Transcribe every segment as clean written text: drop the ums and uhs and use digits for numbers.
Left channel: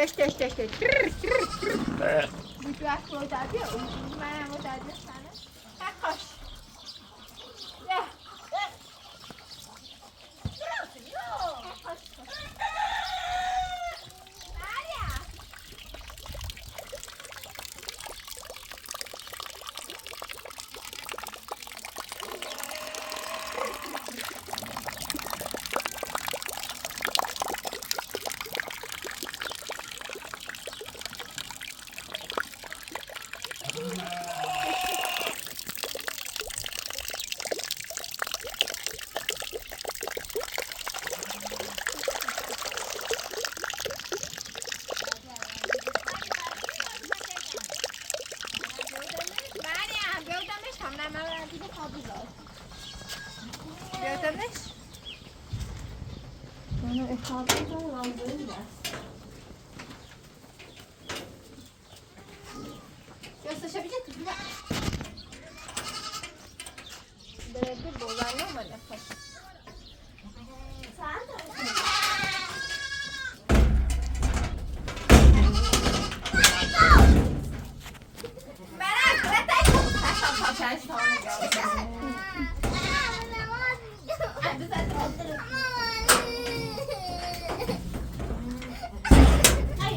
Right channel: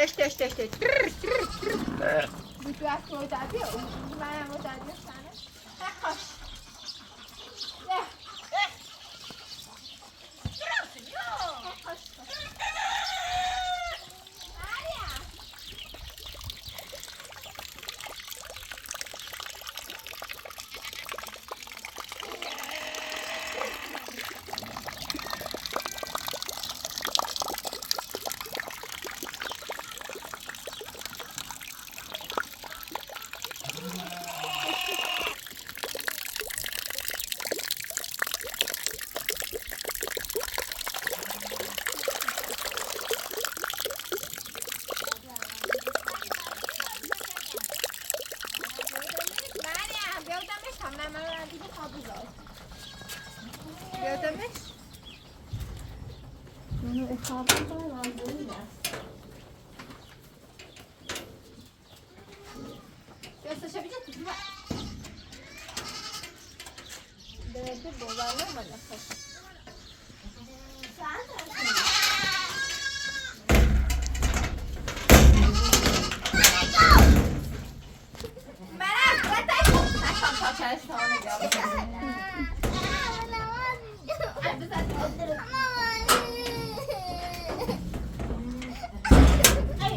Teş. Wow. Teş. Bu biraz koydadı ya, bana koydadı sana. Hoş. Ya. Gördünüz? Yani etrafından lazım da. Gösterebilecek misin? Denedir bozarlar mı nefes? Sen de. Merak etme. Taşan sonra geldim. Hadi sen otur. Ay.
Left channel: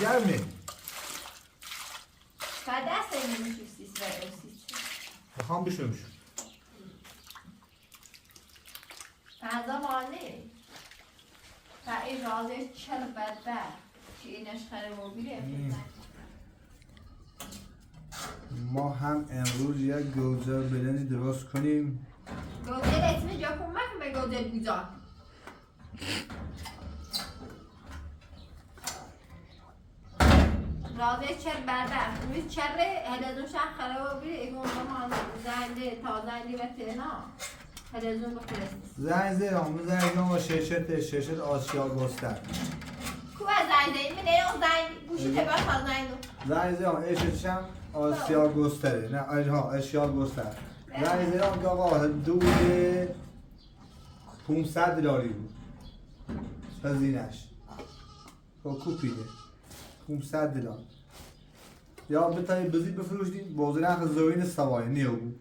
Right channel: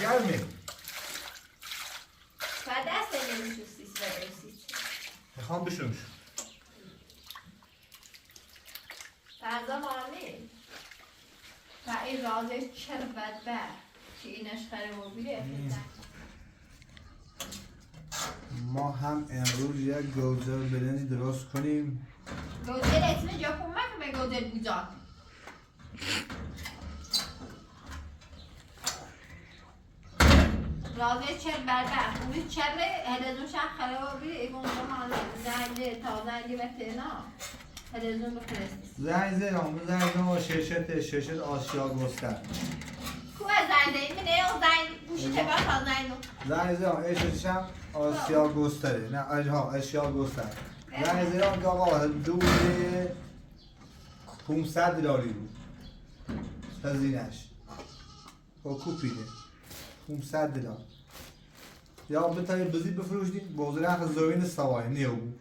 گرمه تا دست نمیشوستیس و روسیس میخوام بشومش بعضا مالی و این رازه چر بدبر که اینش خره و بیره ما هم امروز یک گوزه بدنی درست کنیم گوزه اسم جاکون مکن به گوزه بوزا رازه چر بدبر خوبی چر هدزون شخ خره و بیره ایگون با مالی زنده تا زنده و تینا هدزون بخورستیس زنگ زیرم با ششت آسیا گستر کو از زنده این منه او زنده گوشی تبر تا زنده زنگ زیرم اشتشم آسیا گستره نه آسیا گستر زنگ زیرم که آقا حدود $500 بود هزینش با کوپیده $500 یا بتایی بزید بفروشدیم بازه نخ زوین سوای نیو بود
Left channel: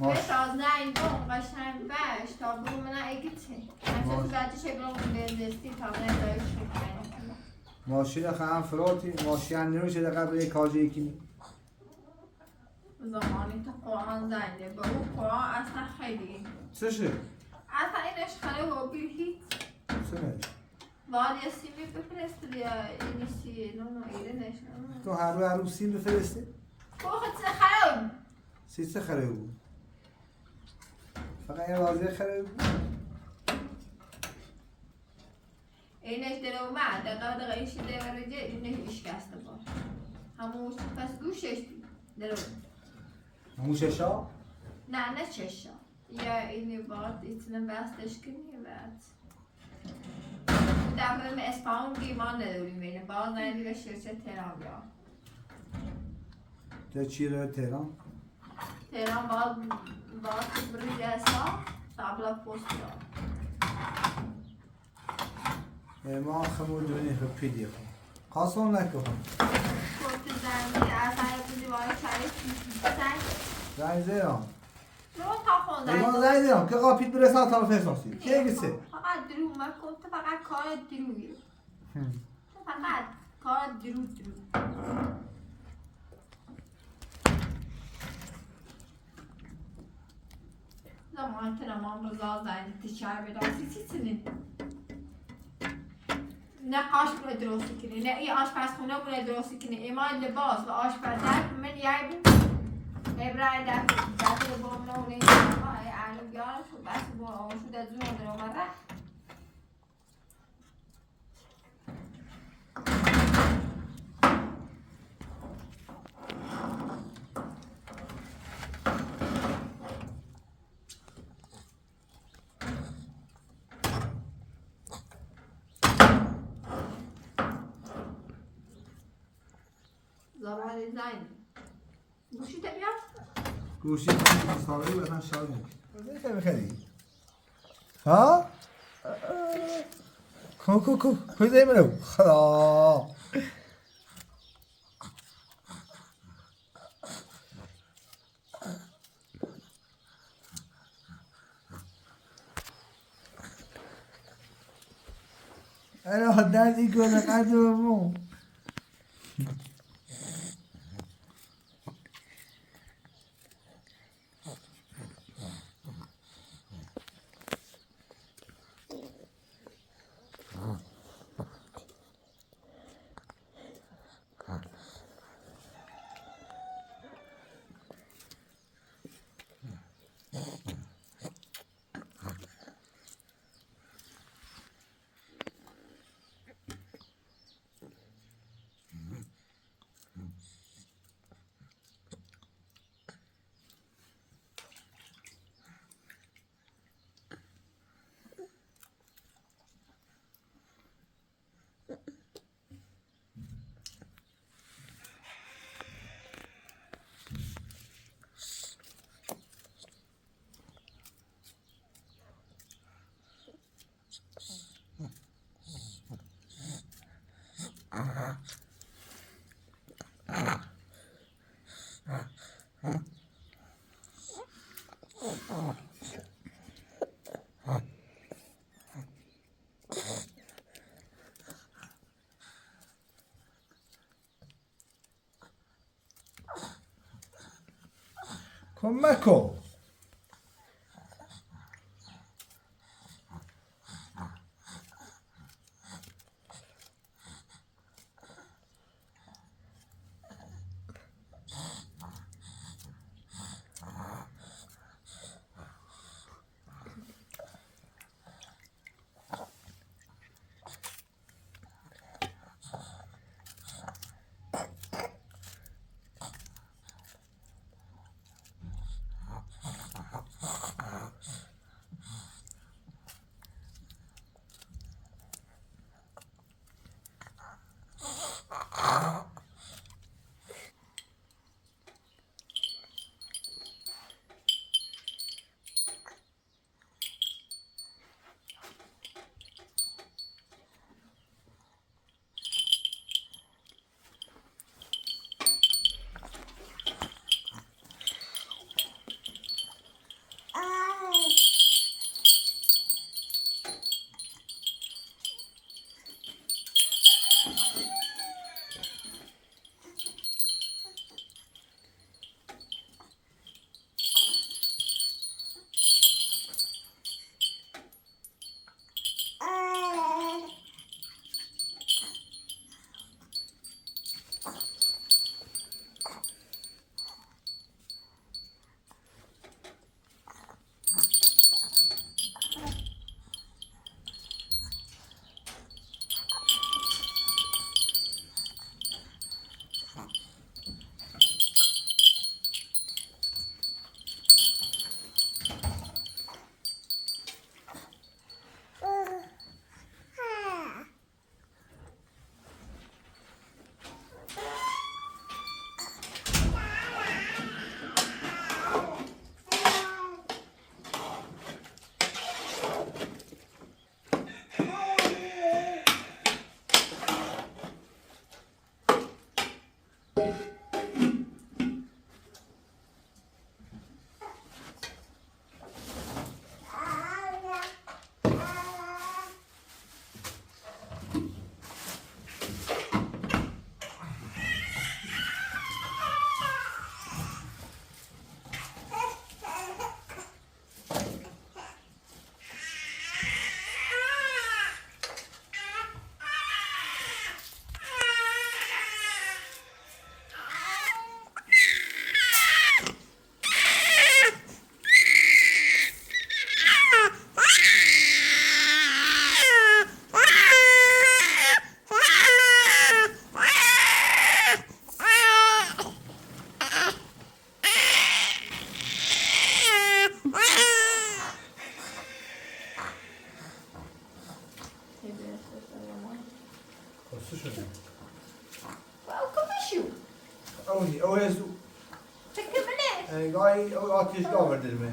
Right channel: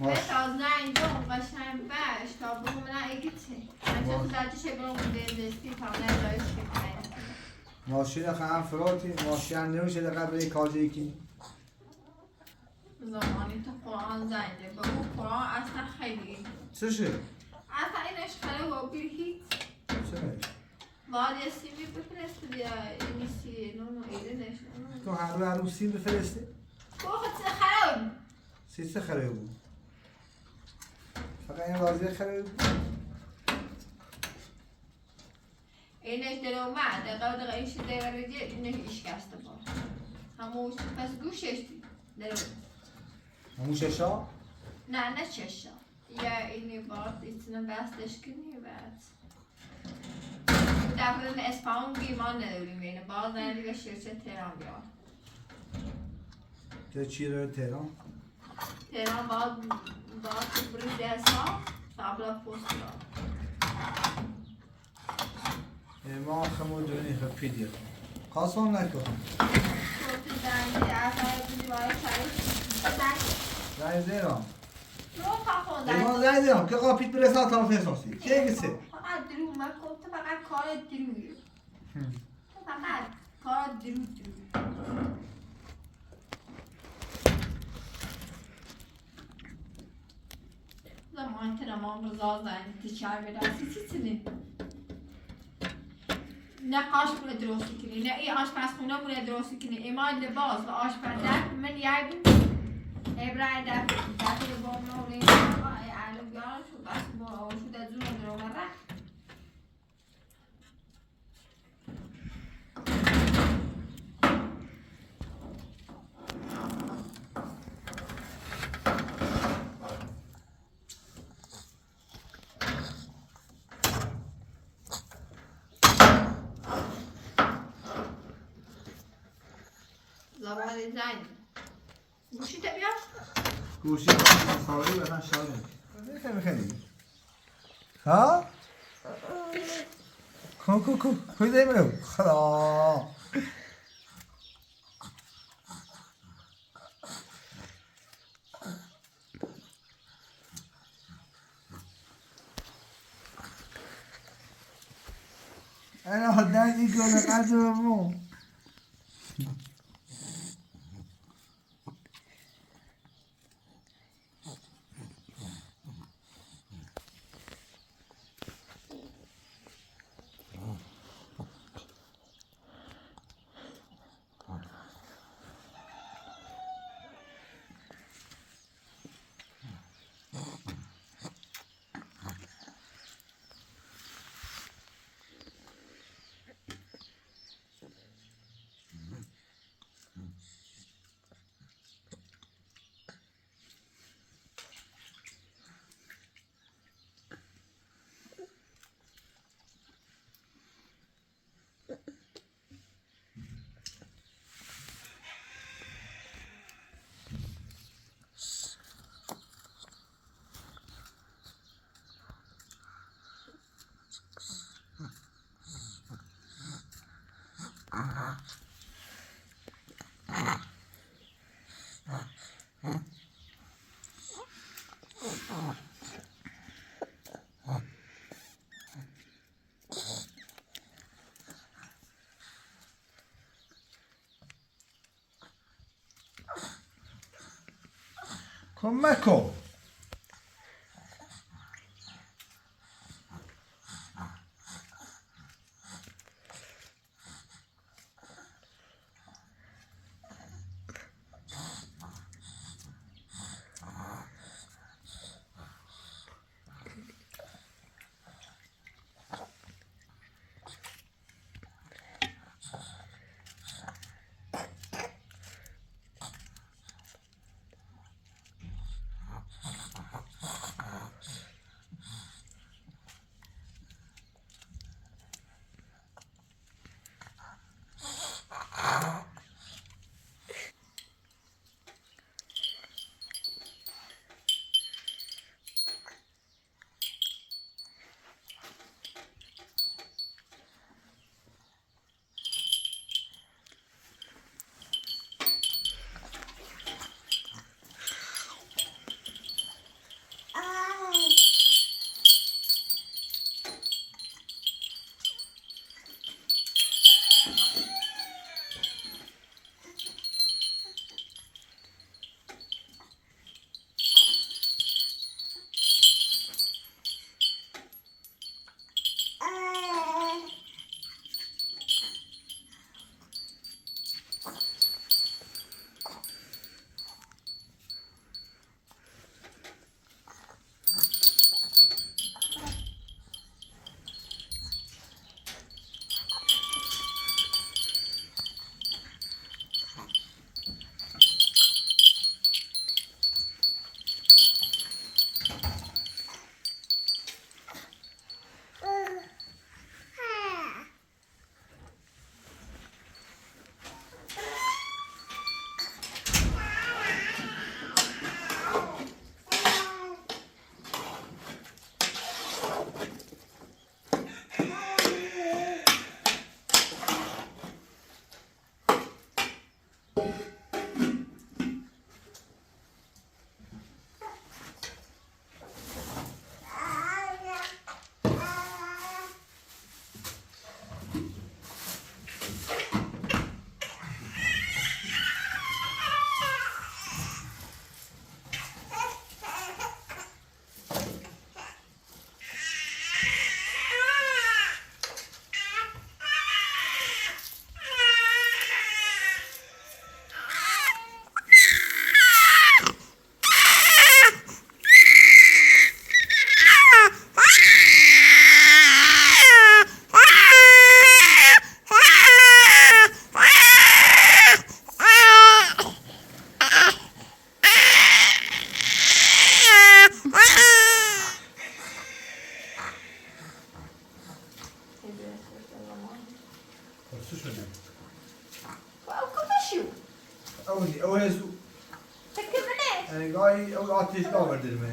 بس از زنده اون قشنگ بش تا برو منه ایگیتی مثل زدی چه برو بندستی تا زنده شکر ماشین خواهم فراتی ماشین نمیشه در قبل یک کاجه یکی زمانی تو قرآن زنده برو قرآن اصلا خیلی چشه؟ اصلا اینش خیلی و بیر هیچ چه باید یه سیمی بفرست یا اینی سی نونو ایرنش تو هر روز سیم بفرستی؟ بخد چه خراب سیسه خراب بود فقط این رازی خراب بود اینش در اومد دقیقه ایش در ورگه اینش ایش کسته باش هموش پس گوشش در اومد همون ششا؟ نه چشا یا اینی باید ایتونه بستش کنی بعد دفعه اسپان بیمان نداریم اینه باز نداری به شرچه تهران بیا تو چی رو تهران؟ تهران باید بریج حساب تابلا پست را ما خمون دونی خب پیدی خواستم نکن تو زنگی اصلا بودی باید چایی زنگ زیرم رو تا خونده ایمان زنگ زیرم که قاپیت برسان تا فرساسی که گسه فقط درو من گفت فقط کار دروی فقط کار درو زمان که نمان رو زازن تیچر بدارسی چی نه آش بوده درستی کنی نه ای آشپزخونه بوده درستی کنی ایمان لباس و آشپزر من یه بود ابراهیم دفعه با نورین ای علو بیارش و بس با آشود از اون رو بره زبان زنی گوشی تا بیار گوشی سواری بدن شاید نمیشه خیلی ها؟ کو پیدا میرم خدا انا حداد يقول لك عزمه مکن. خسته شده. اونی اوهزو. گاهی آتیش آورده دیمه.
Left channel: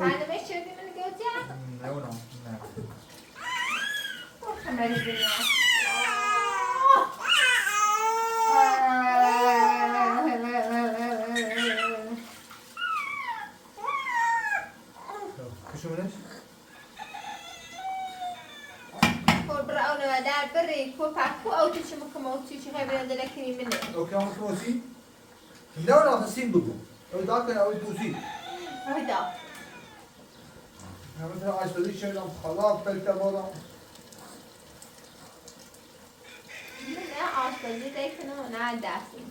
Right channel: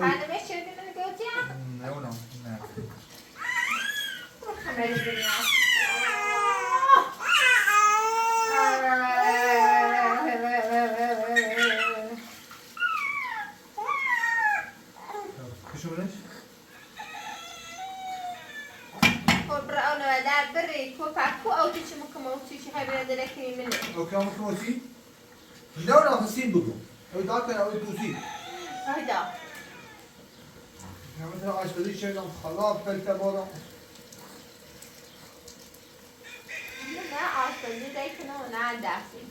بعد بهش چرا که نگوتیم؟ نه اونم نه. خمری دنیا. کشونش؟ برای در بری کو پاکو آوتی چی مکم آوتی چی خبر دلکی منه. اوکی هم مکم آوتی؟ نه سیم بگو. اوی داد کنه اوی دوزی. هیدا. همین طرح آشپزی شدم خلاف فلتا بارم. نه آشپزی دیکنه نه دستیم.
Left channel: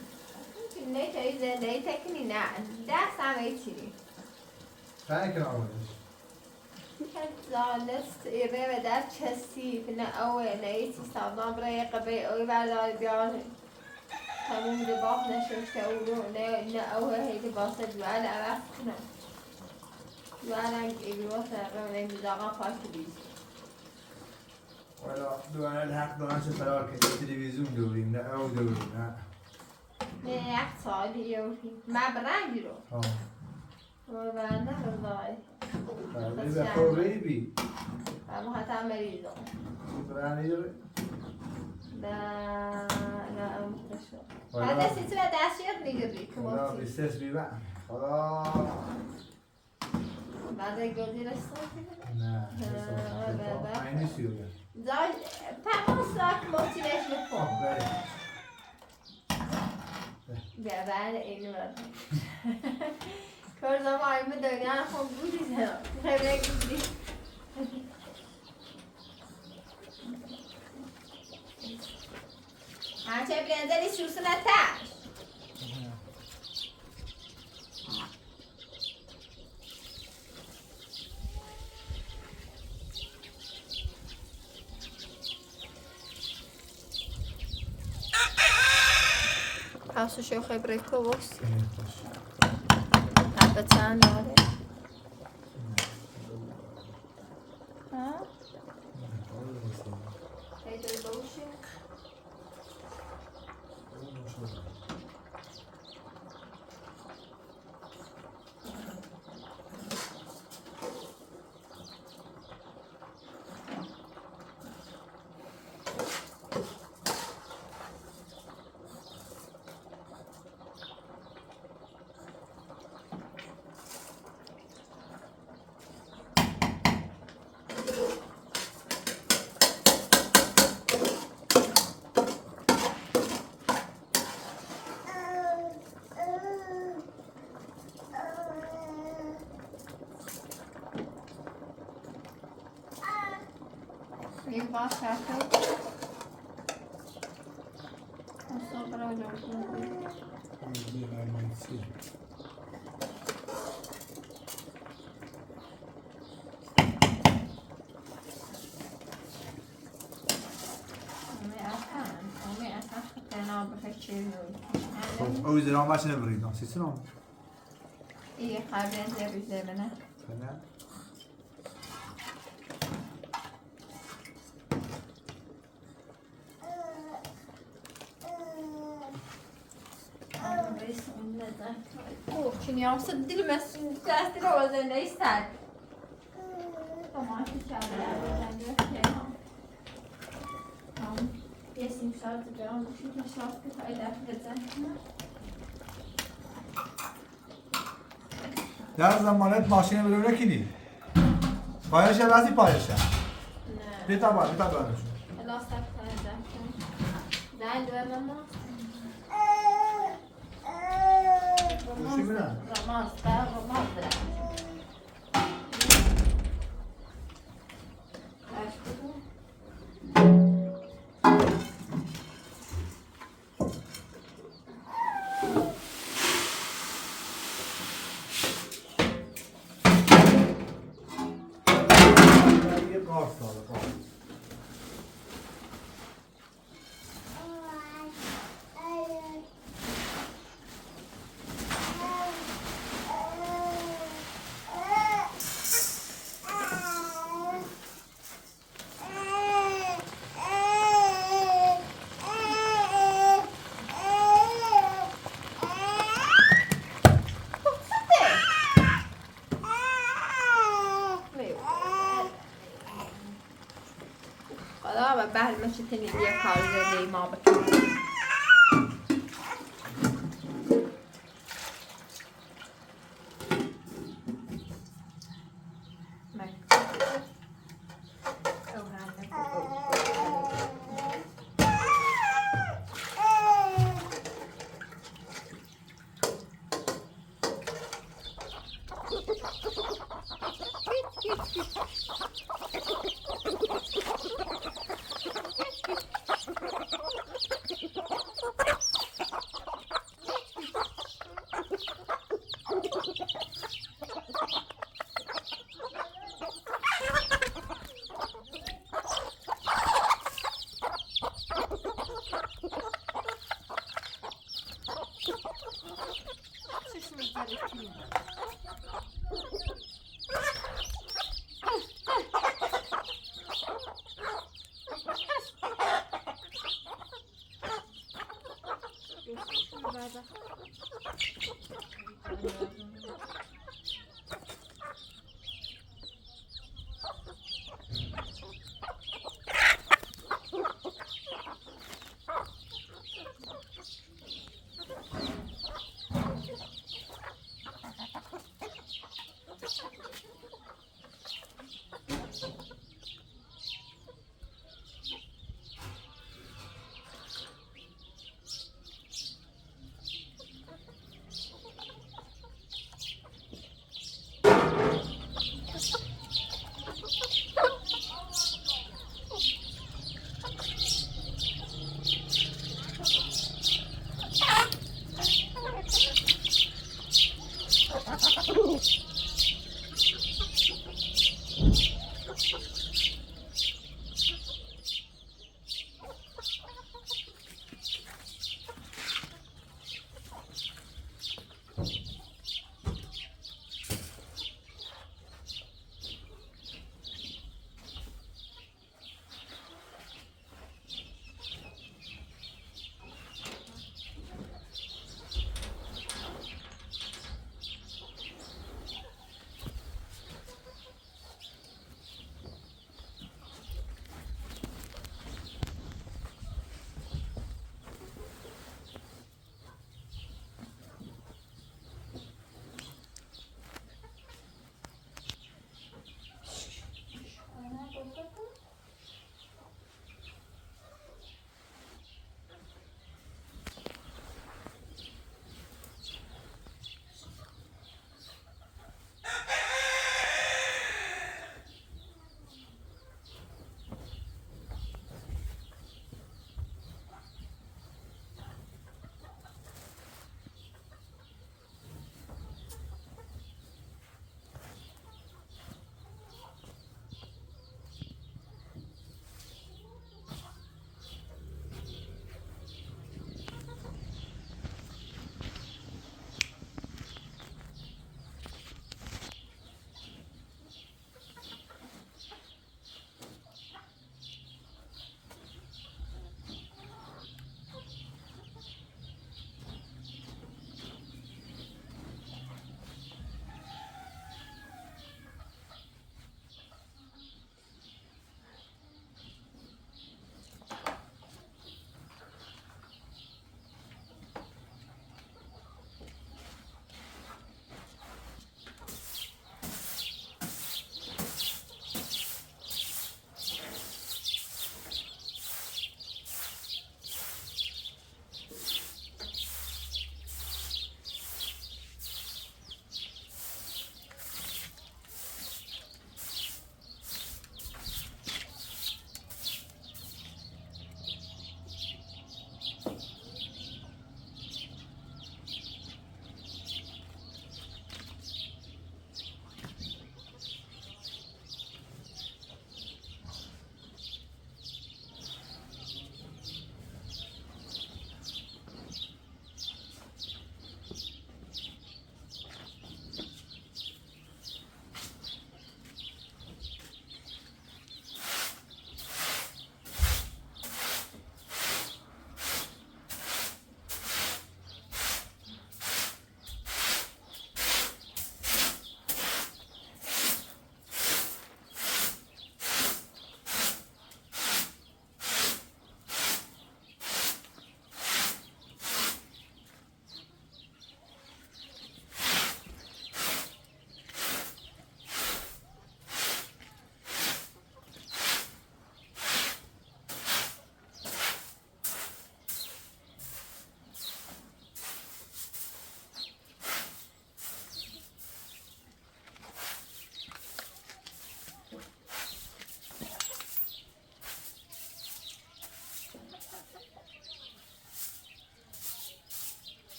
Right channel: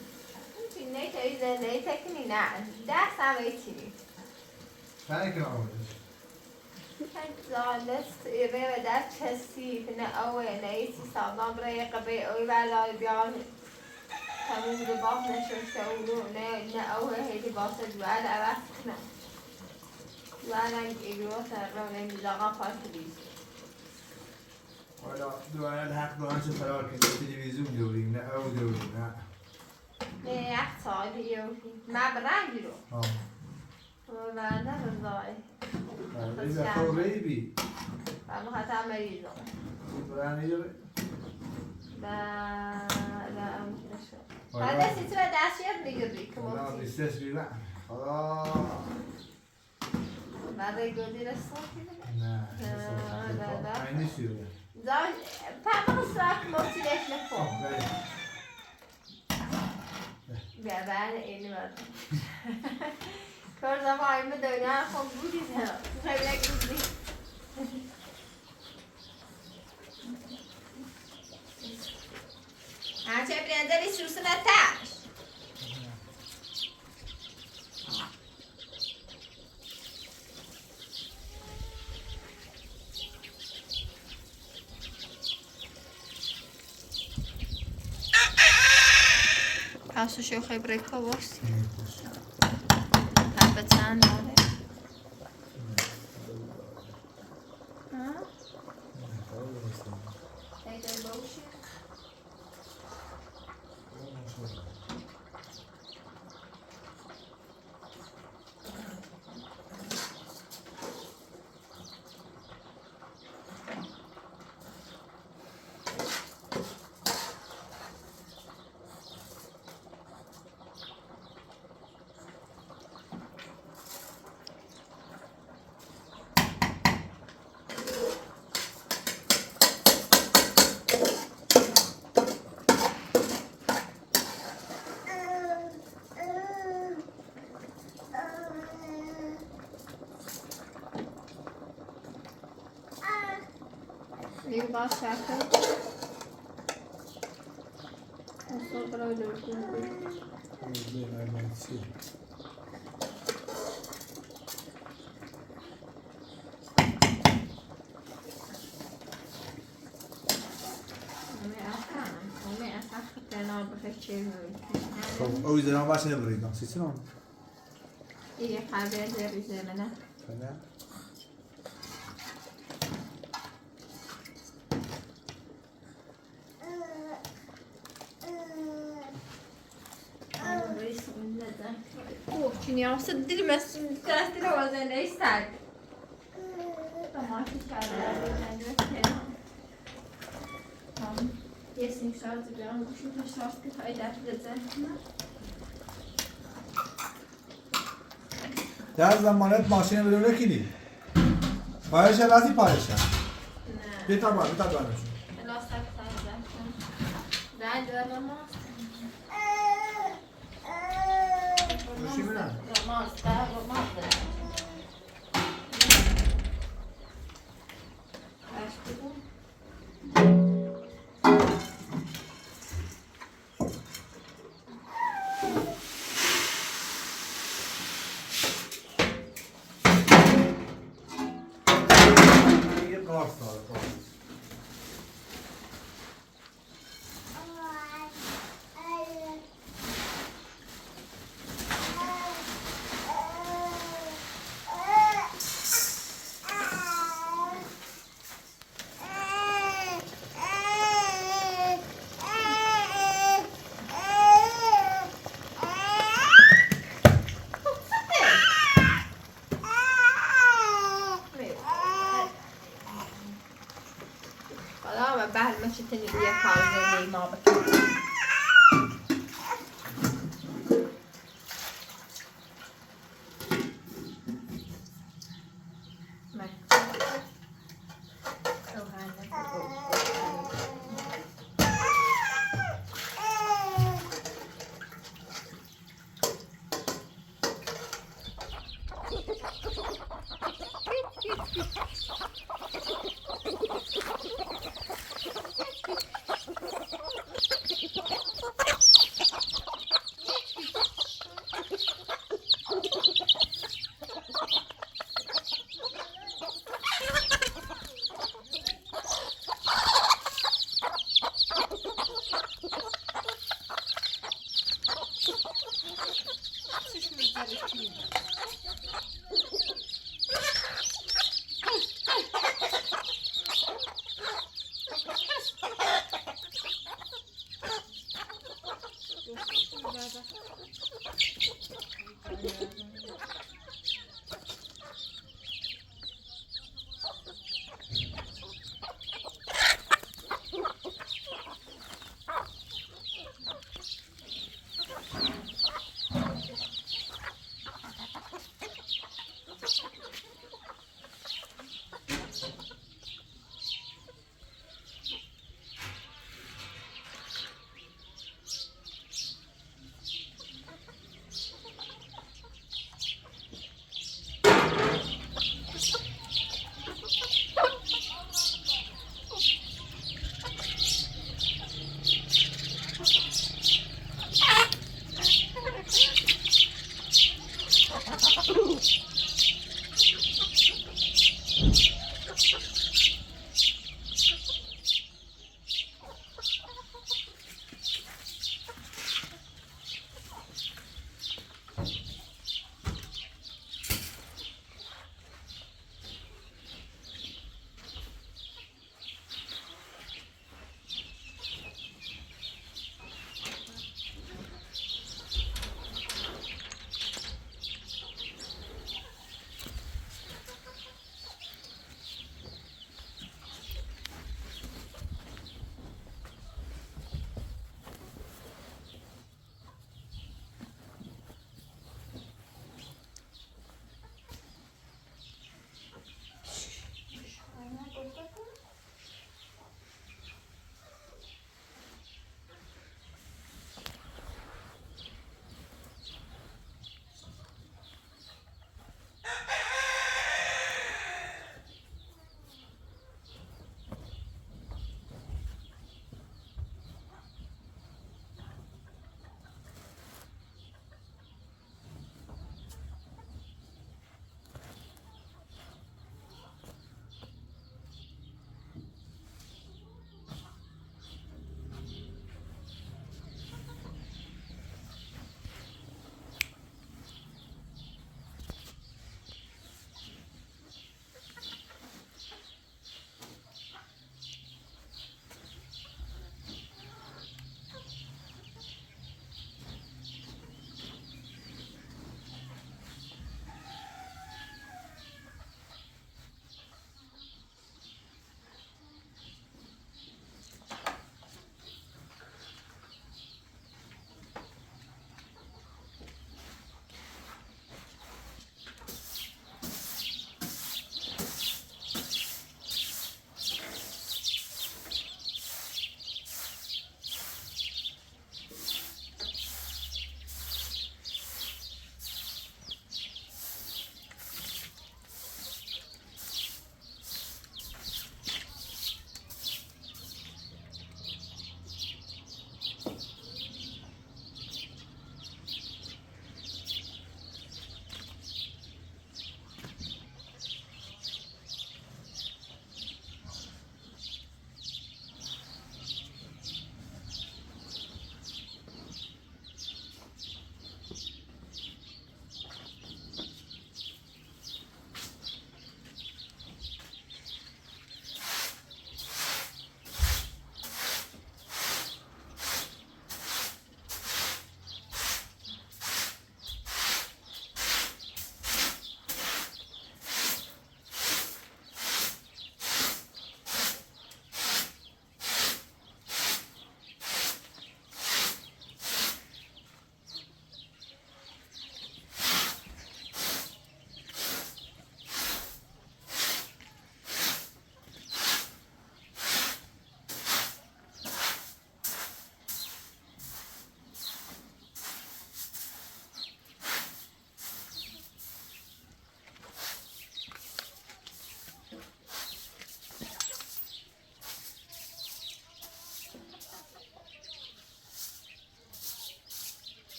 نه تایی زنده تکنی نه دست هم ایچی. چند کنه آوردش؟ زالست ایره و در چسیف نه اوه نه ایچی سابان برای قبی اوی ولای بیان تموم دباغ نشوشته اولو نه اوه هیدی باسه دوال عوض کنه. دوالم ایگروس نقرم رنگ داغا پاک بیز. والا دوباره الحق دارن چه فرار کنید تلویزیون دوریم نه او دوریم نه. نه یک سالی یوفی. من برنگی رو. و بنده رضای. این به خوری بی. اما خطا مریضو. برنده یوری؟ نه اون نشد. بعد سی تو دستیات میگیری که والا موتی. بیستش بیبن. خدا. بعد گودی رسوتی بده. نه. اینی سیوره. زای پس راک موتی لیش نکن. بعد اینو کار زمان دنیا خب بودی خیلی بودی هرچه برنزلی سوسو نتاش Passo się hybryko włos. Napecane, ale... Hej, to jest bullshit. Bir başka. Nasıl bırakıyorsun? خب او زیران باشه نبریدم سیستم یه خبر زیاد منه تمام Şimdi yoksa dilmesin dikkat o yüzden ne ister? Tamam çiçekler ben de tamam. Yesin şartı ben bu şu şartı kaydedeceğim. در زمانت ماشین رو بکنی پایش رازی پایش بیتا بار بیتا بار Lastik kaydedeceğim. Ben görmem Romans. یه قارس داره حالا بعد میشه تنی یه کار زنی ما بکنیم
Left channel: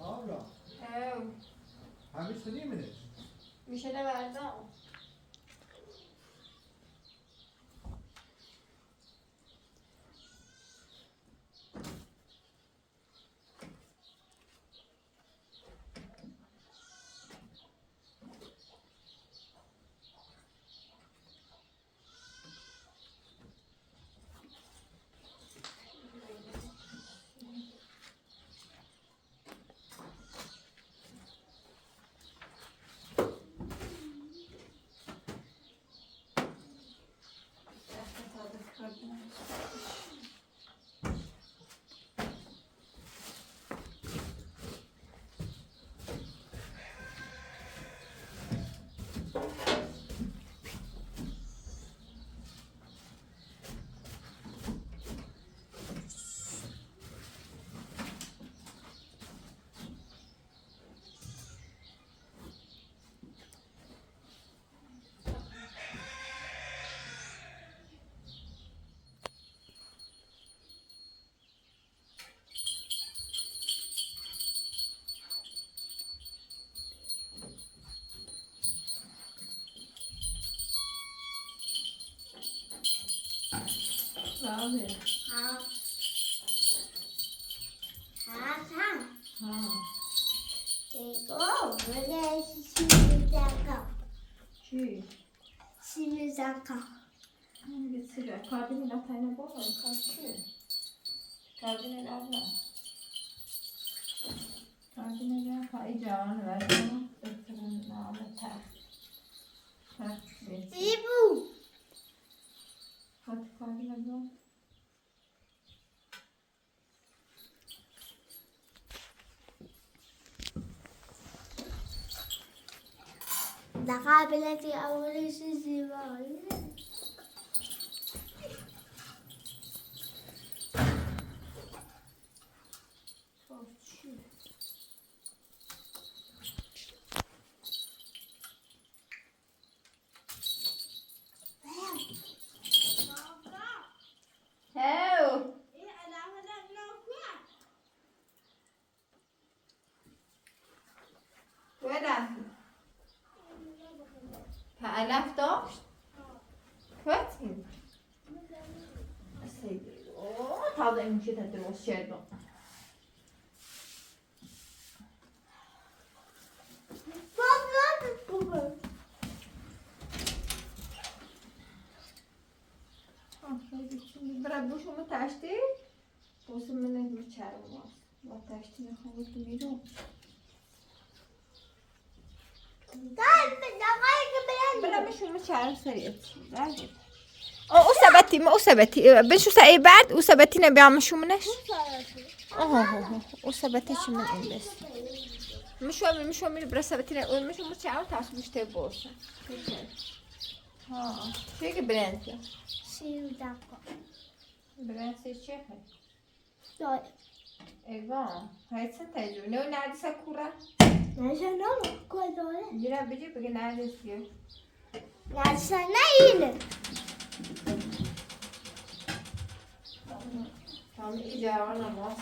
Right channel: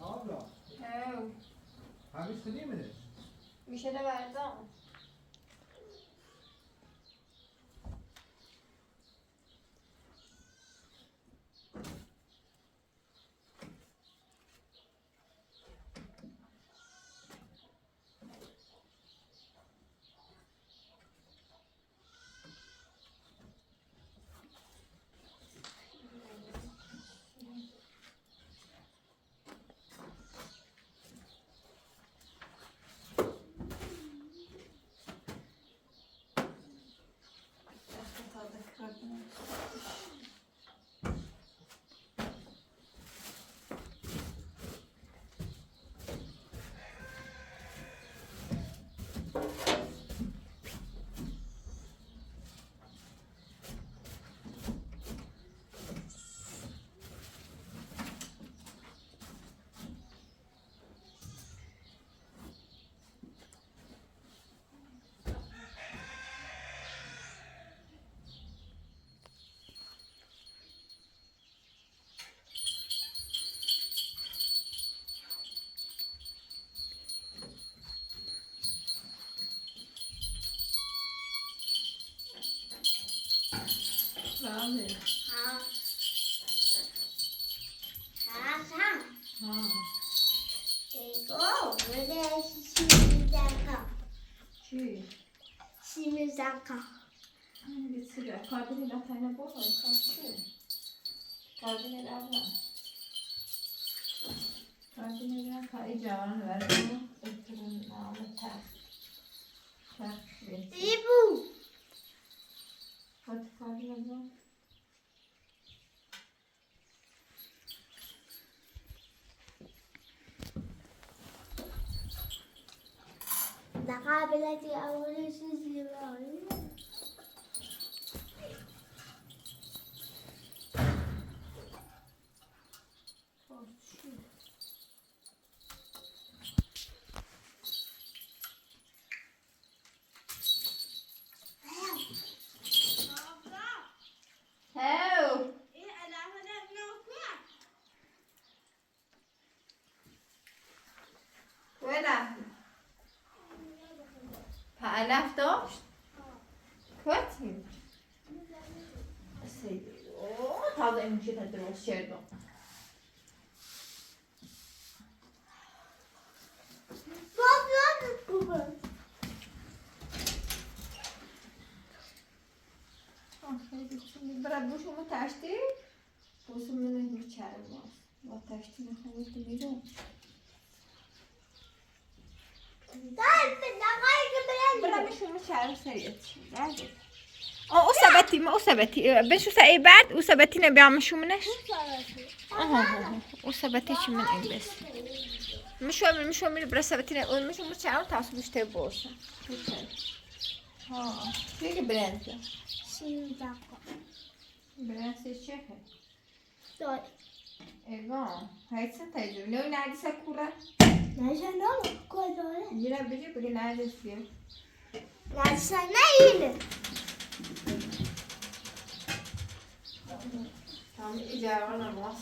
Abla, He, hangisi değil midir? bir şey de verdi ama. بله. ها. چی؟ همین سیگار کابینی نتاینا بابا کار کابینی دارم. کابینی دارم کاری جوان ورزم. بهترین نام تخت بیت. خود کابینی دارم. قابلتي أول شيء زيباوي علف داشت؟ کتی؟ اوه تازه این چیه درست کردم برای بوشمو تشتی بوسم منه میچرم با تشتی نخوام تو بیرون برای بشون میچرم سریعت او ثبتی ما او ثبتی بشو سعی بعد او ثبتی نبیام شو منش او ثبتی چی من این بس مشو میره برای ثبتی نه اون مشو میچرم تاس مشته بوسم ها چیه که برنده برنده چیه ایوان هایتسن تایجو نو نردیسه کورا میره بگه بگه نردیسیه Tam icara namaz.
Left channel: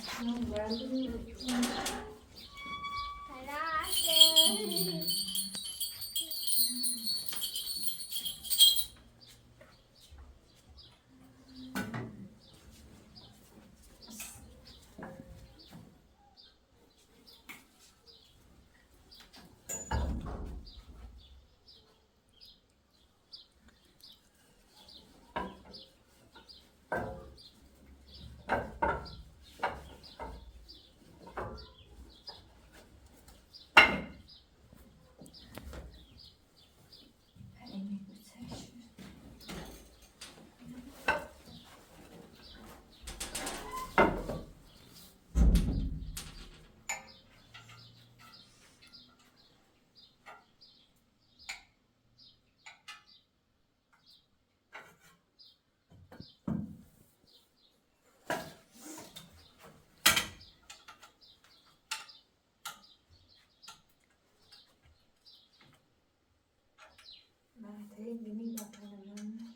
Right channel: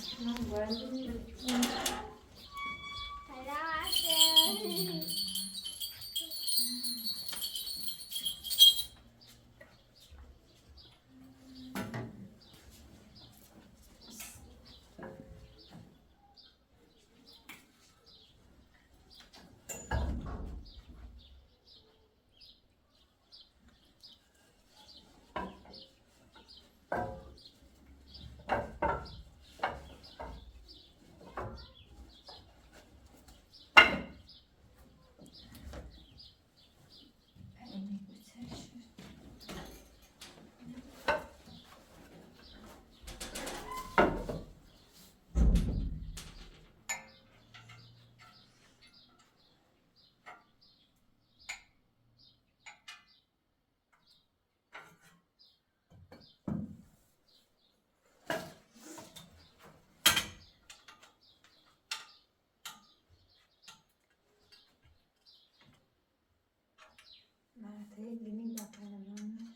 Mate, gini bakalan mana?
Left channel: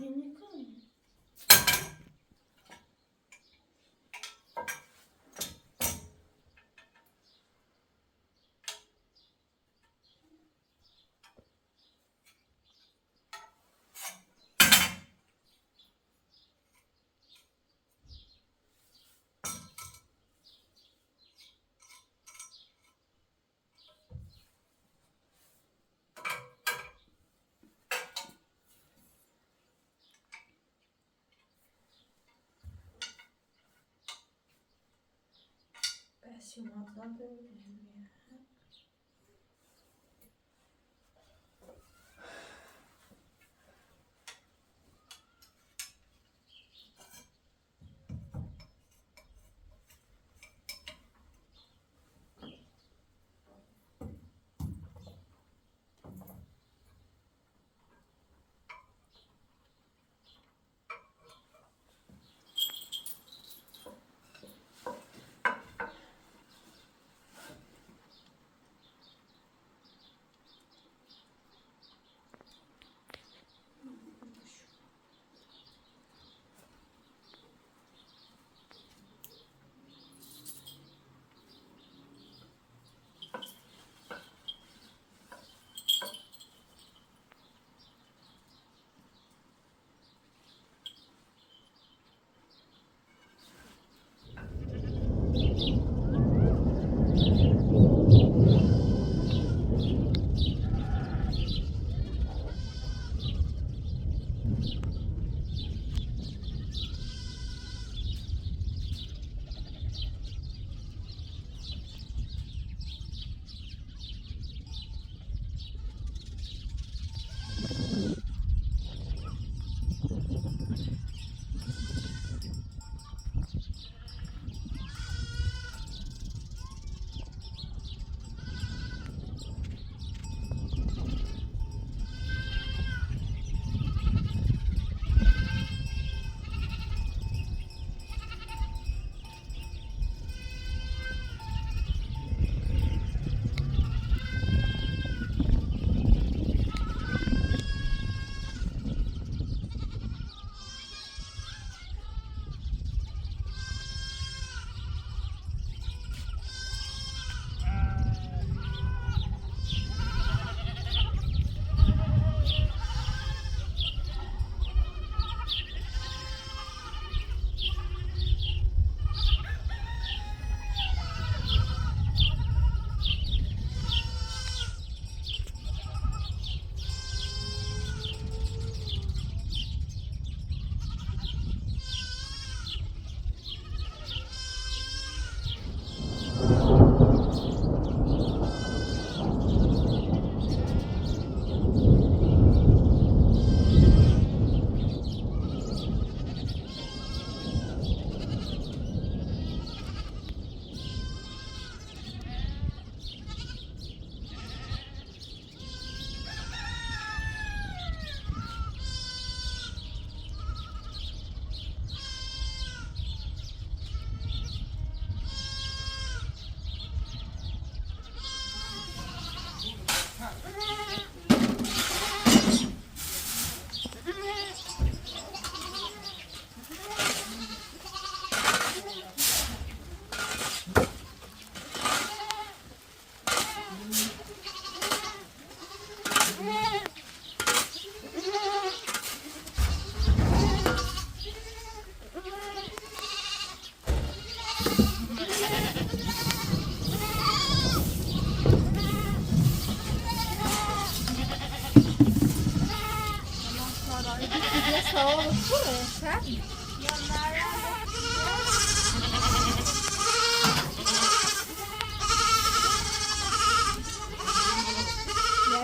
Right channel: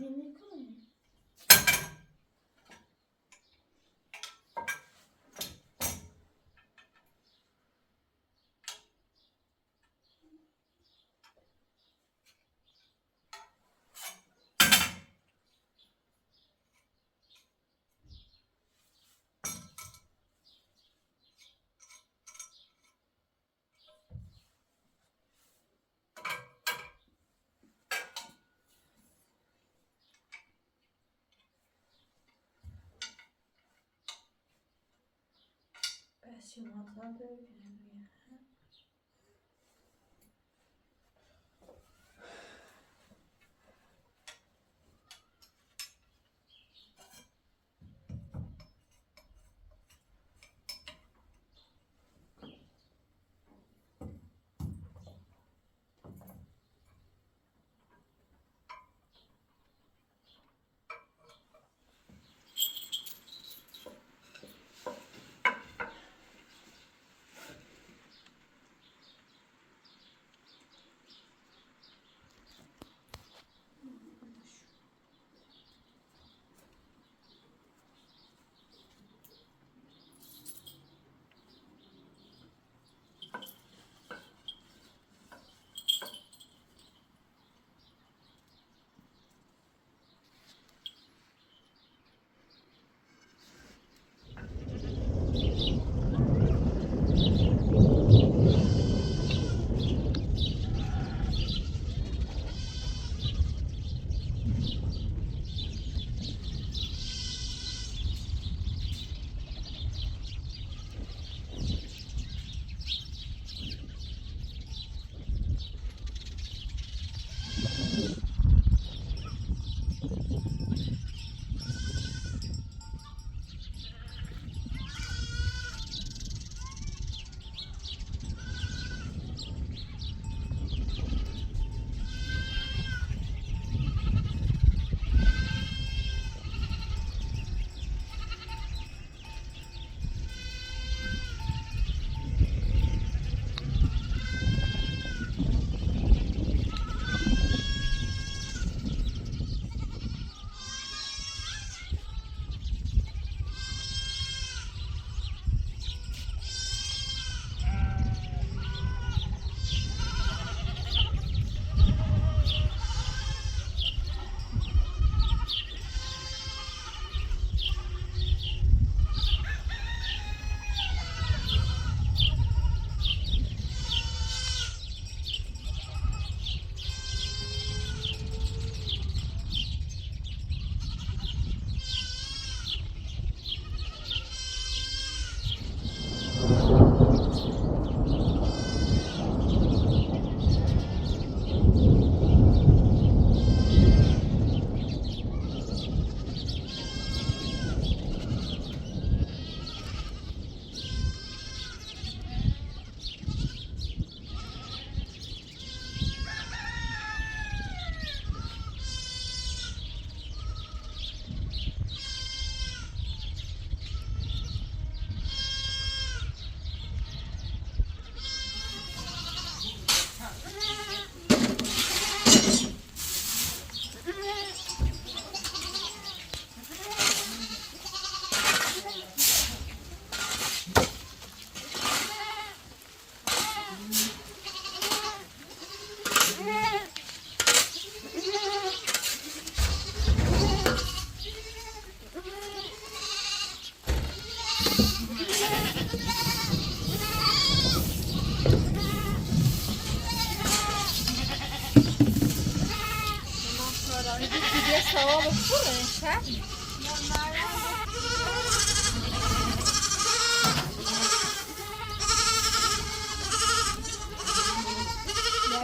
Gini kan? Passion maintenant de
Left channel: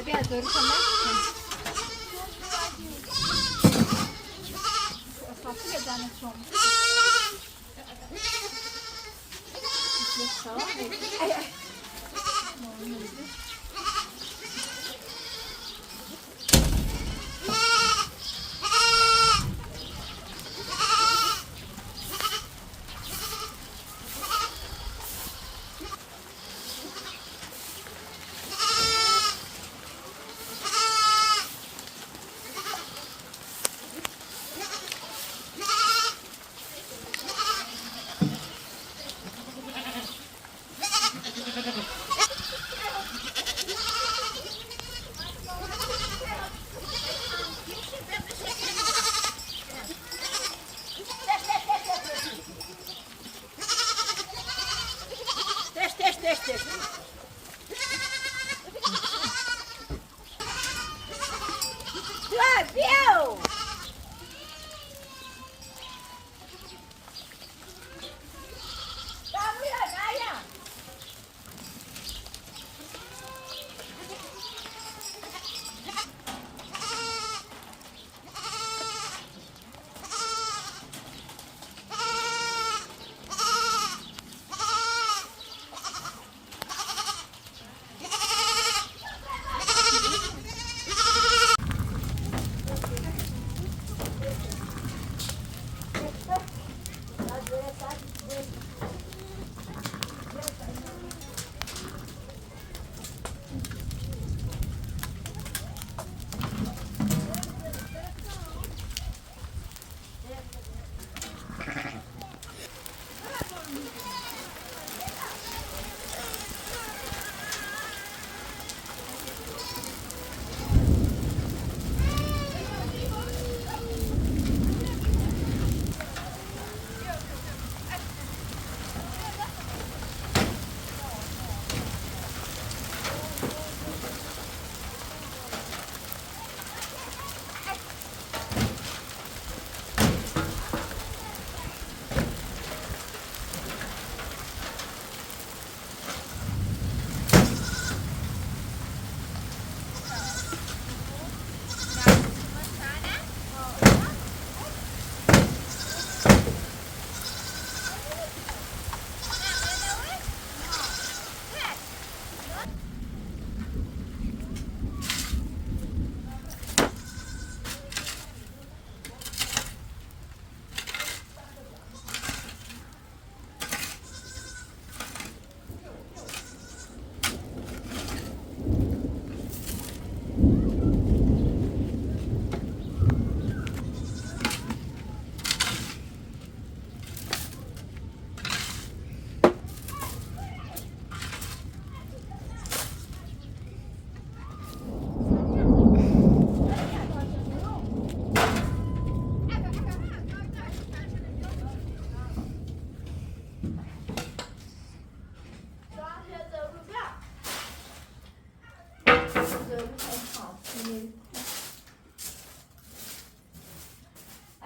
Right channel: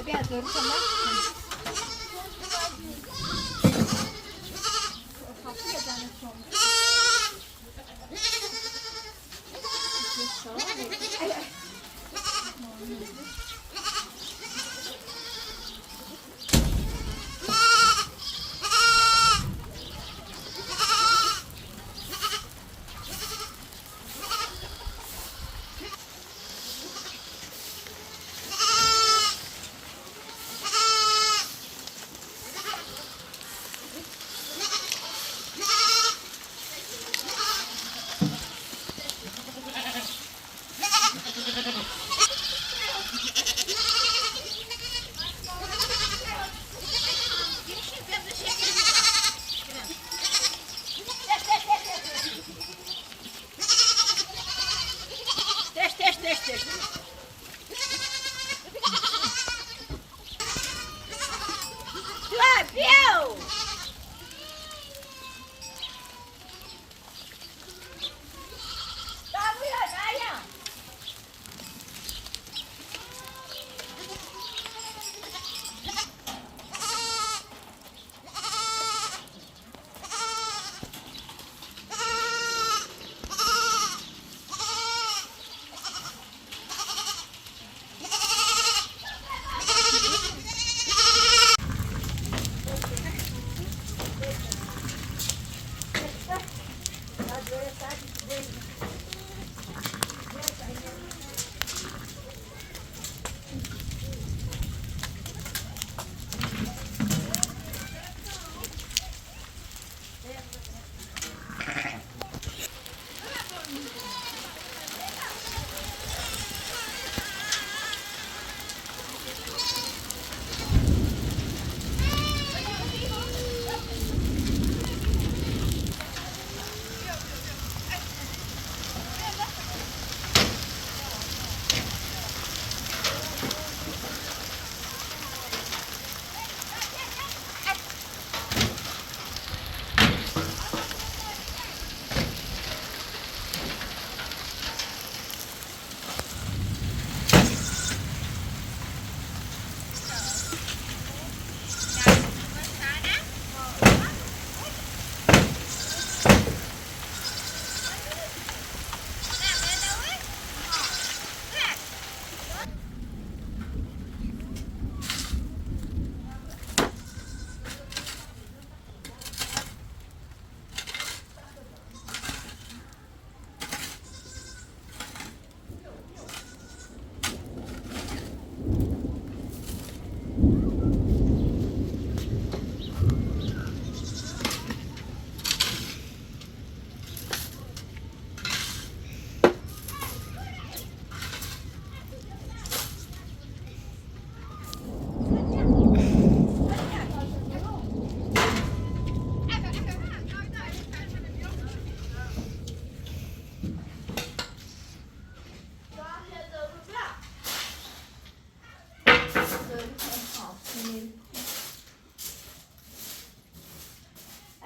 بیا دور کمک کن اصافی جانتون ای ای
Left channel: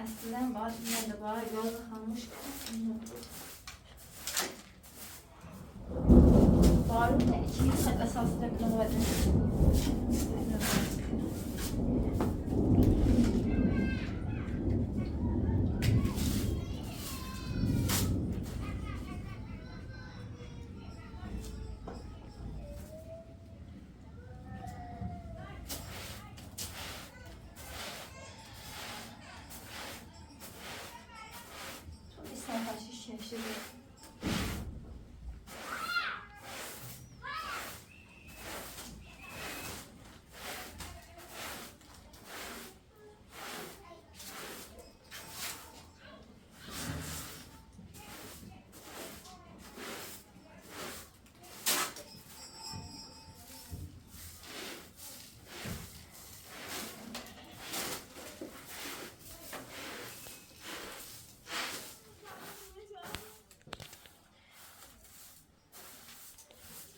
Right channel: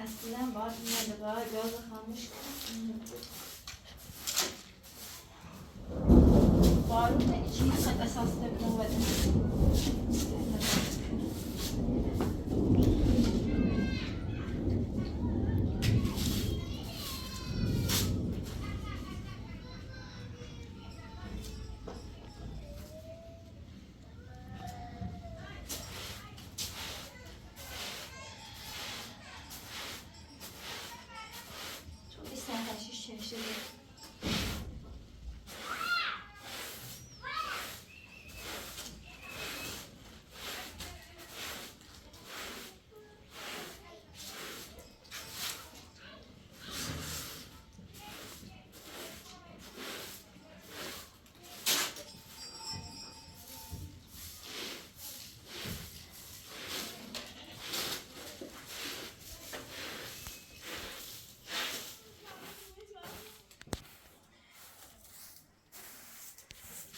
Aslında bazı yerlere göz kalmış. Barut da içi esasında bir novada.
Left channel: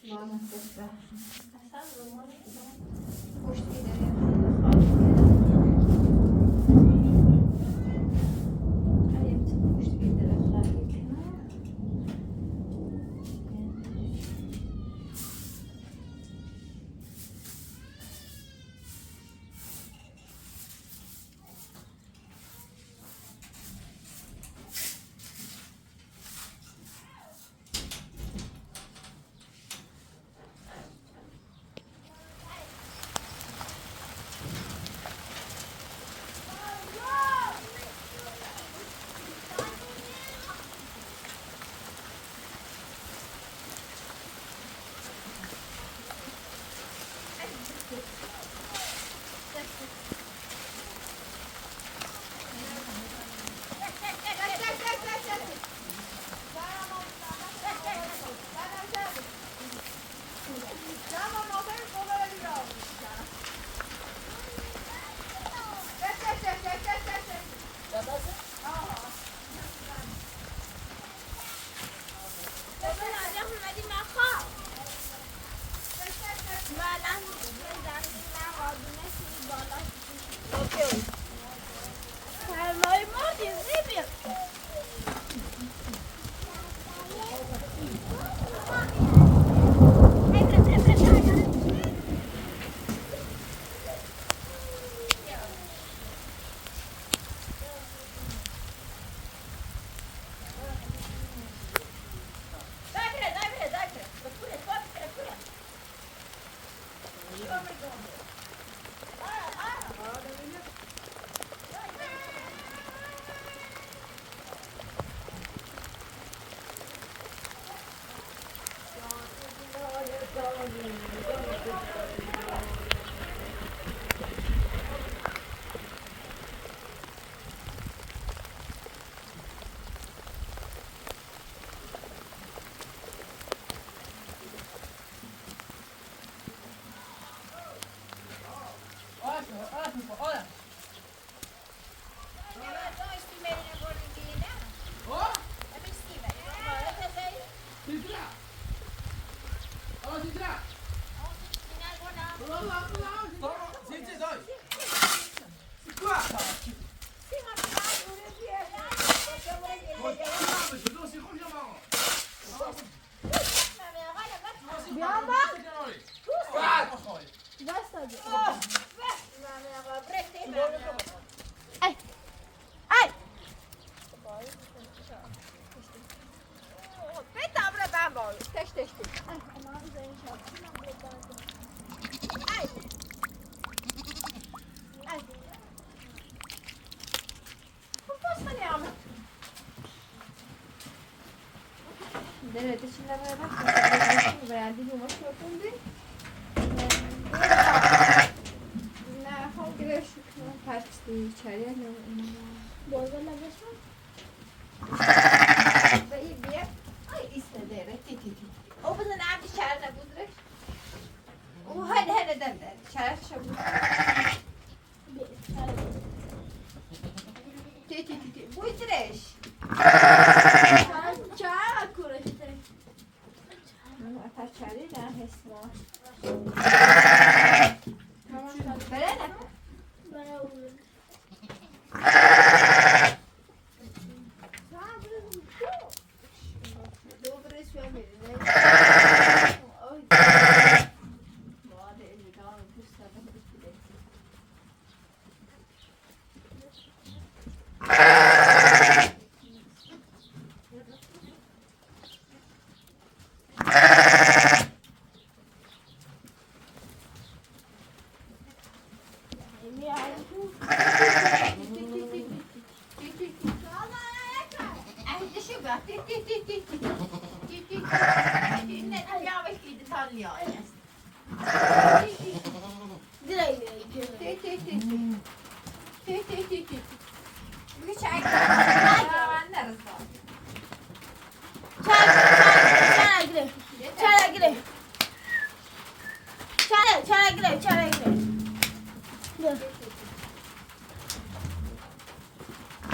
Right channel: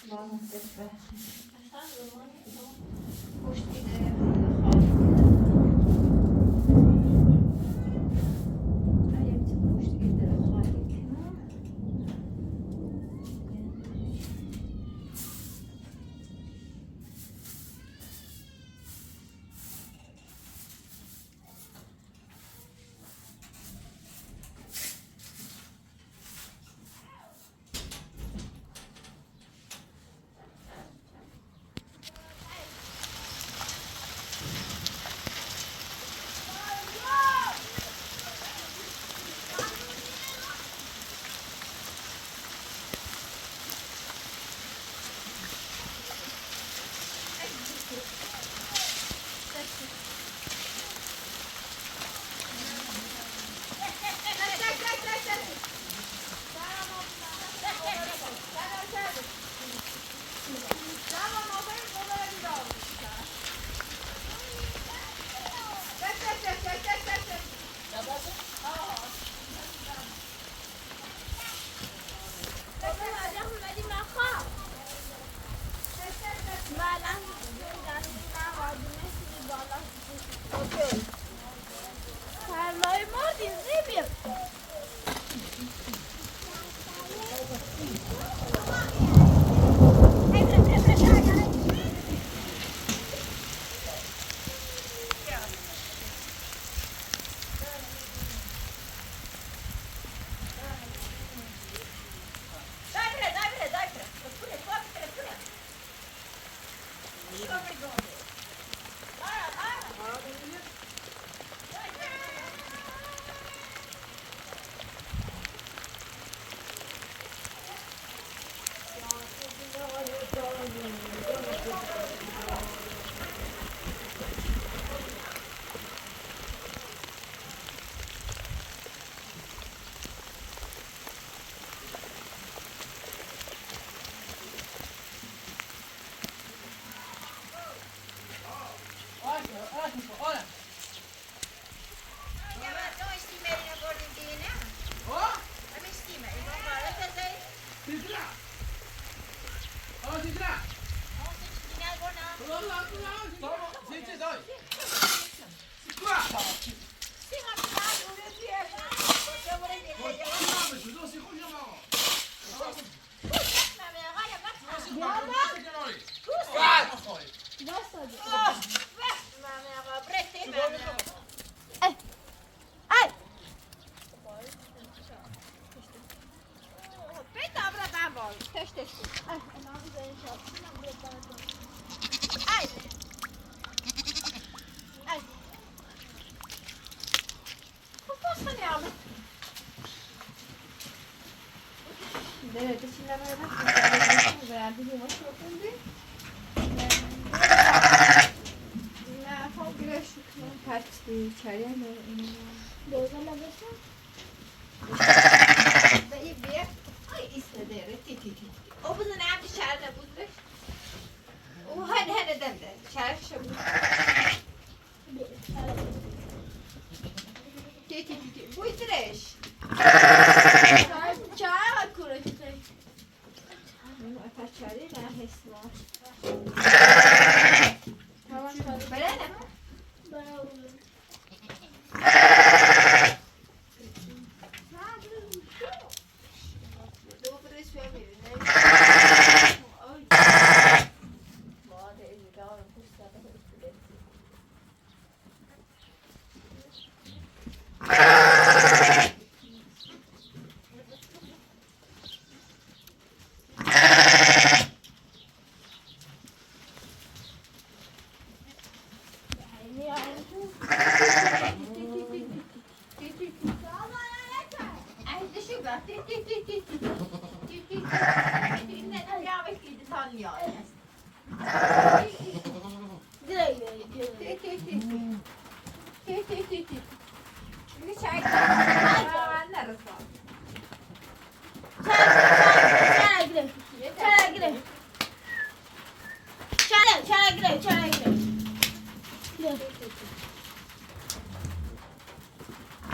Ладно, спасибо. Hoş değil.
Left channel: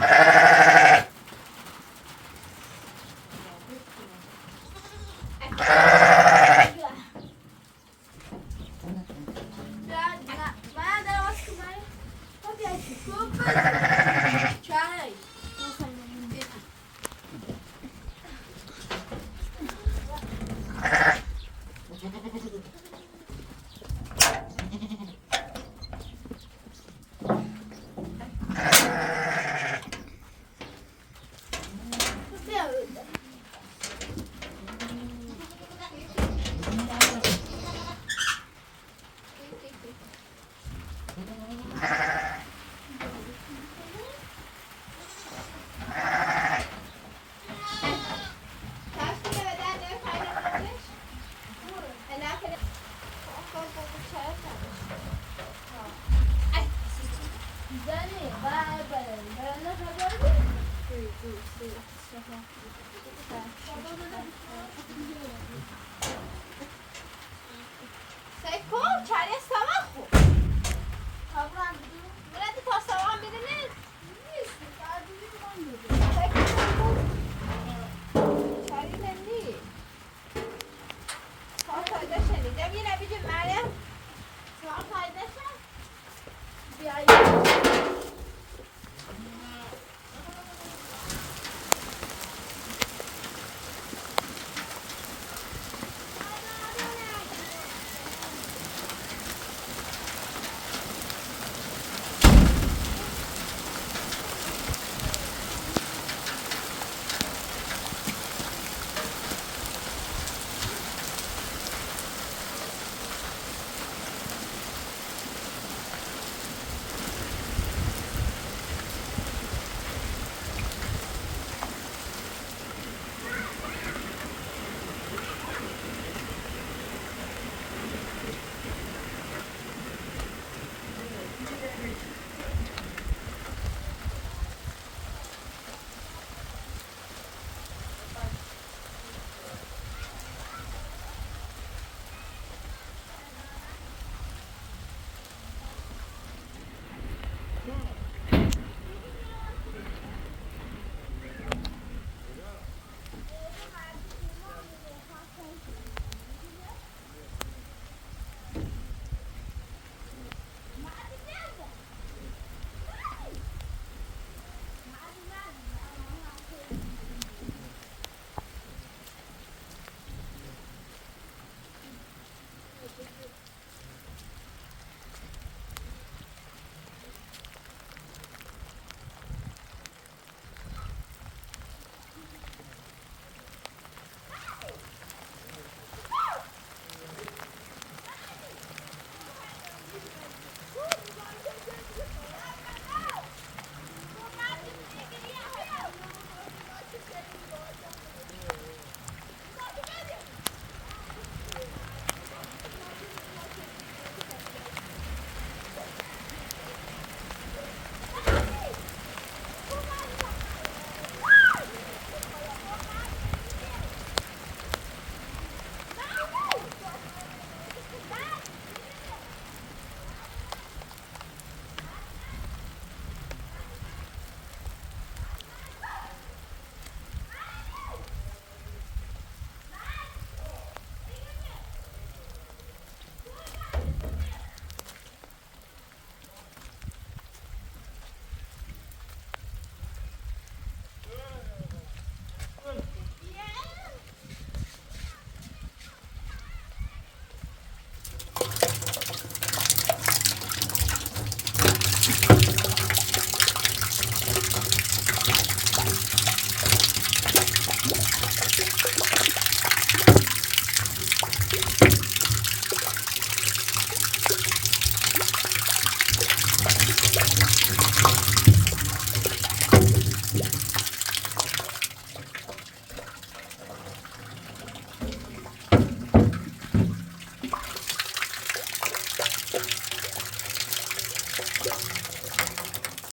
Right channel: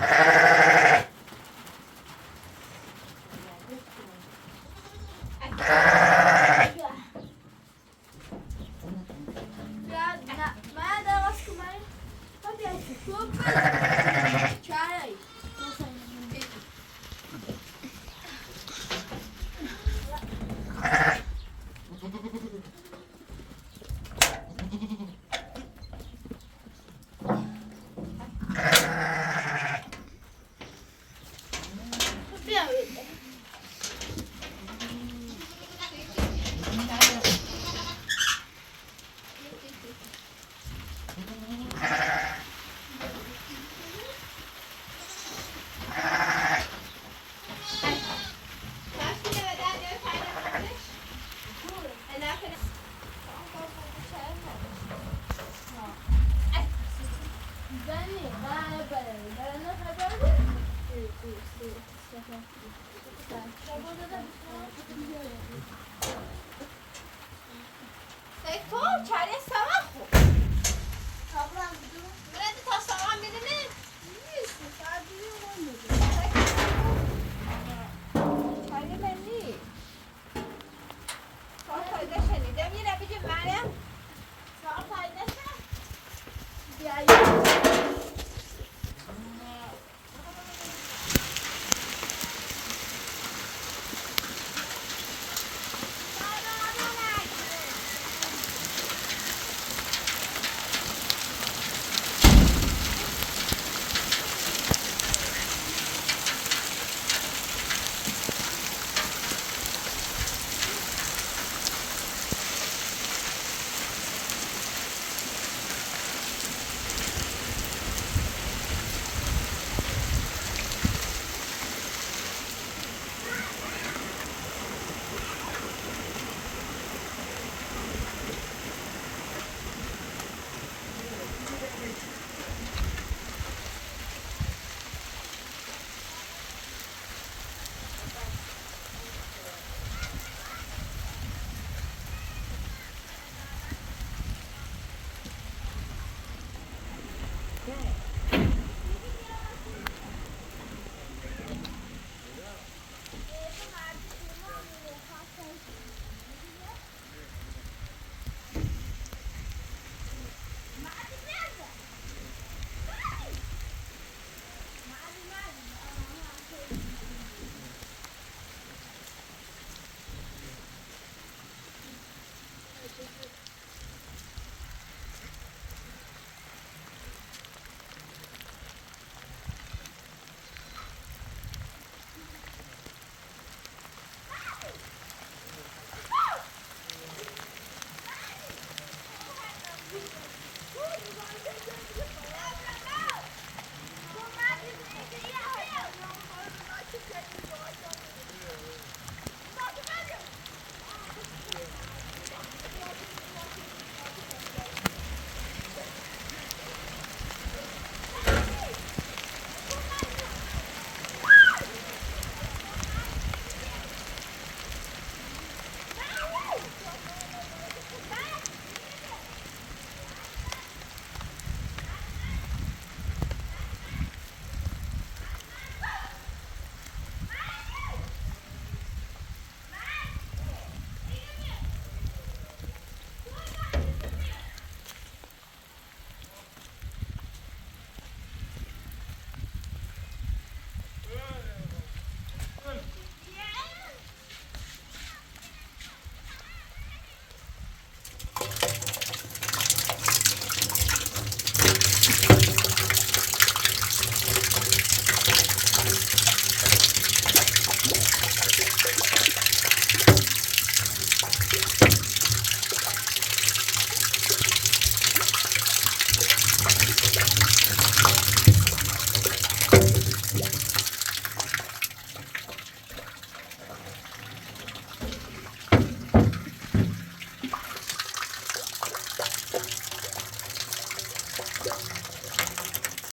Çare